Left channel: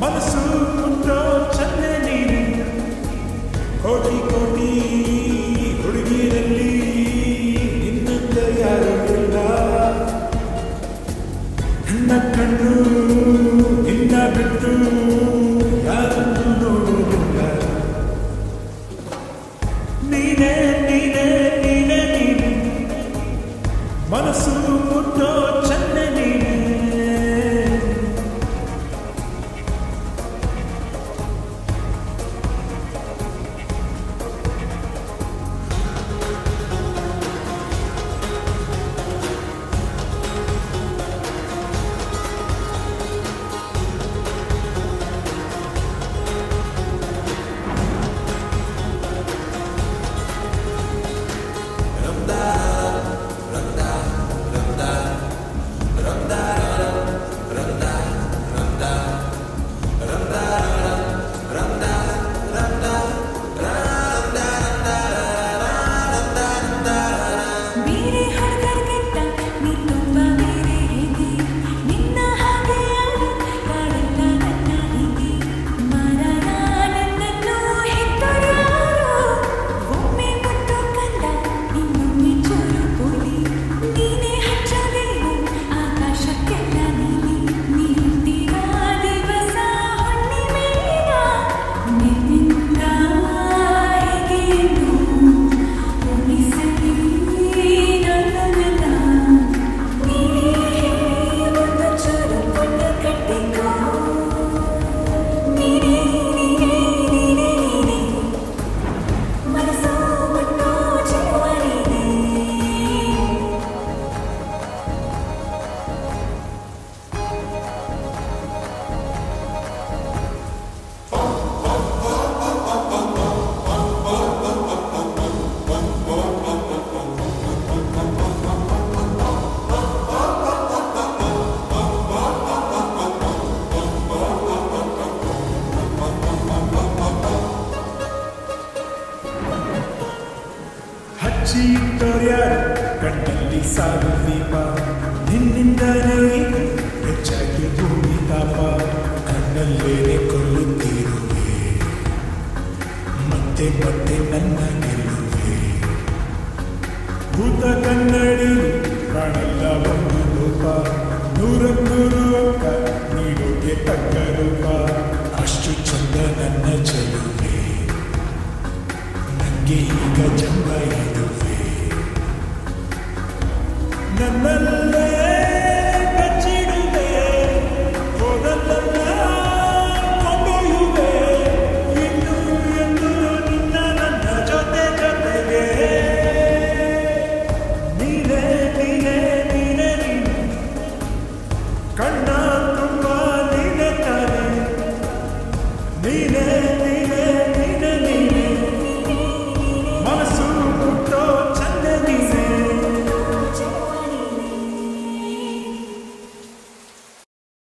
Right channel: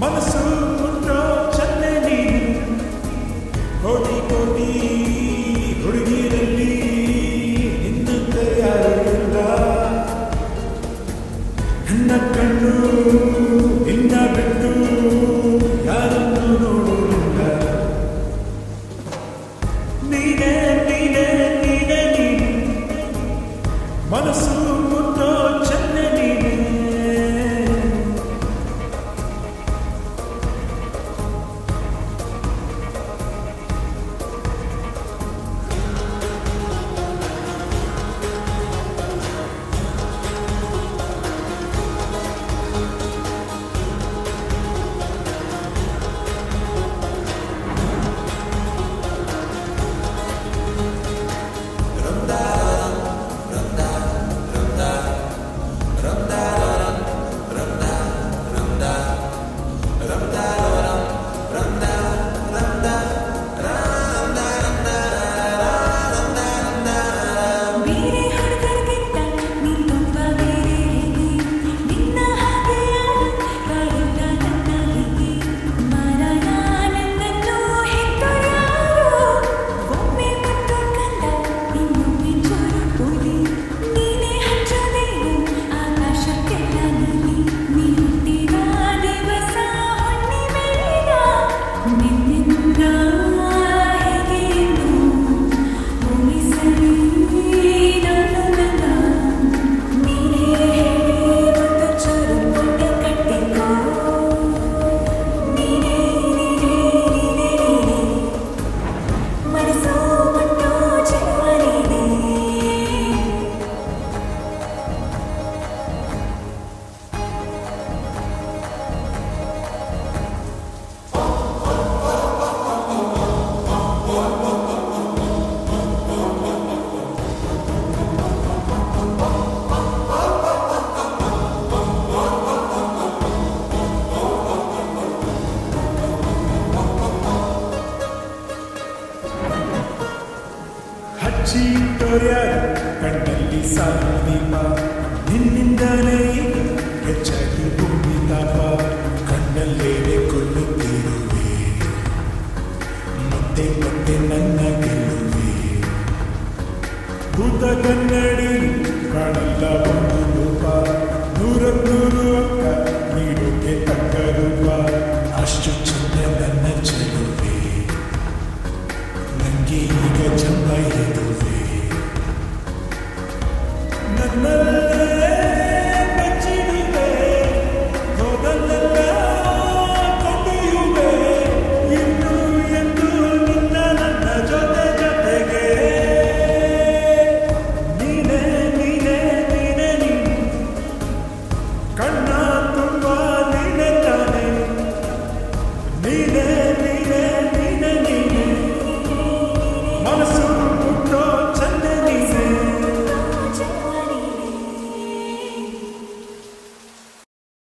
ಮನಸ್ಸು ಮುಟ್ಟೋ ಚನ್ನೆ ನೀನೆ ಕೋಟಿ ಕೋಟಿ ಹುಡುಗಿರಲ್ಲಿ ನಿನ್ನಂತ ಯಾರು ಇಲ್ಲ ನನ್ನ ಕಣ್ಣು ನಿನ್ನ ಬಿಟ್ಟು ಯಾರನ್ನು ನೋಡುವುದಿಲ್ಲ ನೀನೇ ನೀನೇ ನೀನೇ ನೀನೆ ಮನಸ್ಸು ಮುಟ್ಟೋ ಚನ್ನೆ ನೀನೆ ಹಚ್ಚಿಟ್ಟೋರ್ಯಾರು ಕಣ್ಣಲ್ಲಿ ಸಾಲು ದೀಪ ನಿನ್ನಿಂದಲೇ ಈಗ ಹೆಚ್ಚಾಗಿ ಭೂಮಿ ತಾಪ ಕಣ್ಣಲ್ಲೇನೆ ಕೊಲ್ಲುತ್ತಿರುವೆ ಮತ್ತೆ ಮತ್ತೆ ನನ್ನ ಗೆಲ್ಲುವೆ ಭೂತ ಕನ್ನಡಿ ಕಾಣಲ್ಲ ಒಂದು ಲೋಪ ನೂರಕ್ಕೂರು ಅಂಕ ನೀಡೋಕೆ ತಕ್ಕ ರೂಪ ಅಷ್ಟು ಚಂದ ನನ್ನ ಚೆಲುವೆ ನಂಗೆ ಈಗ ಜಂಬ ಇದುವೆ ನನ್ನಲ್ಲೇ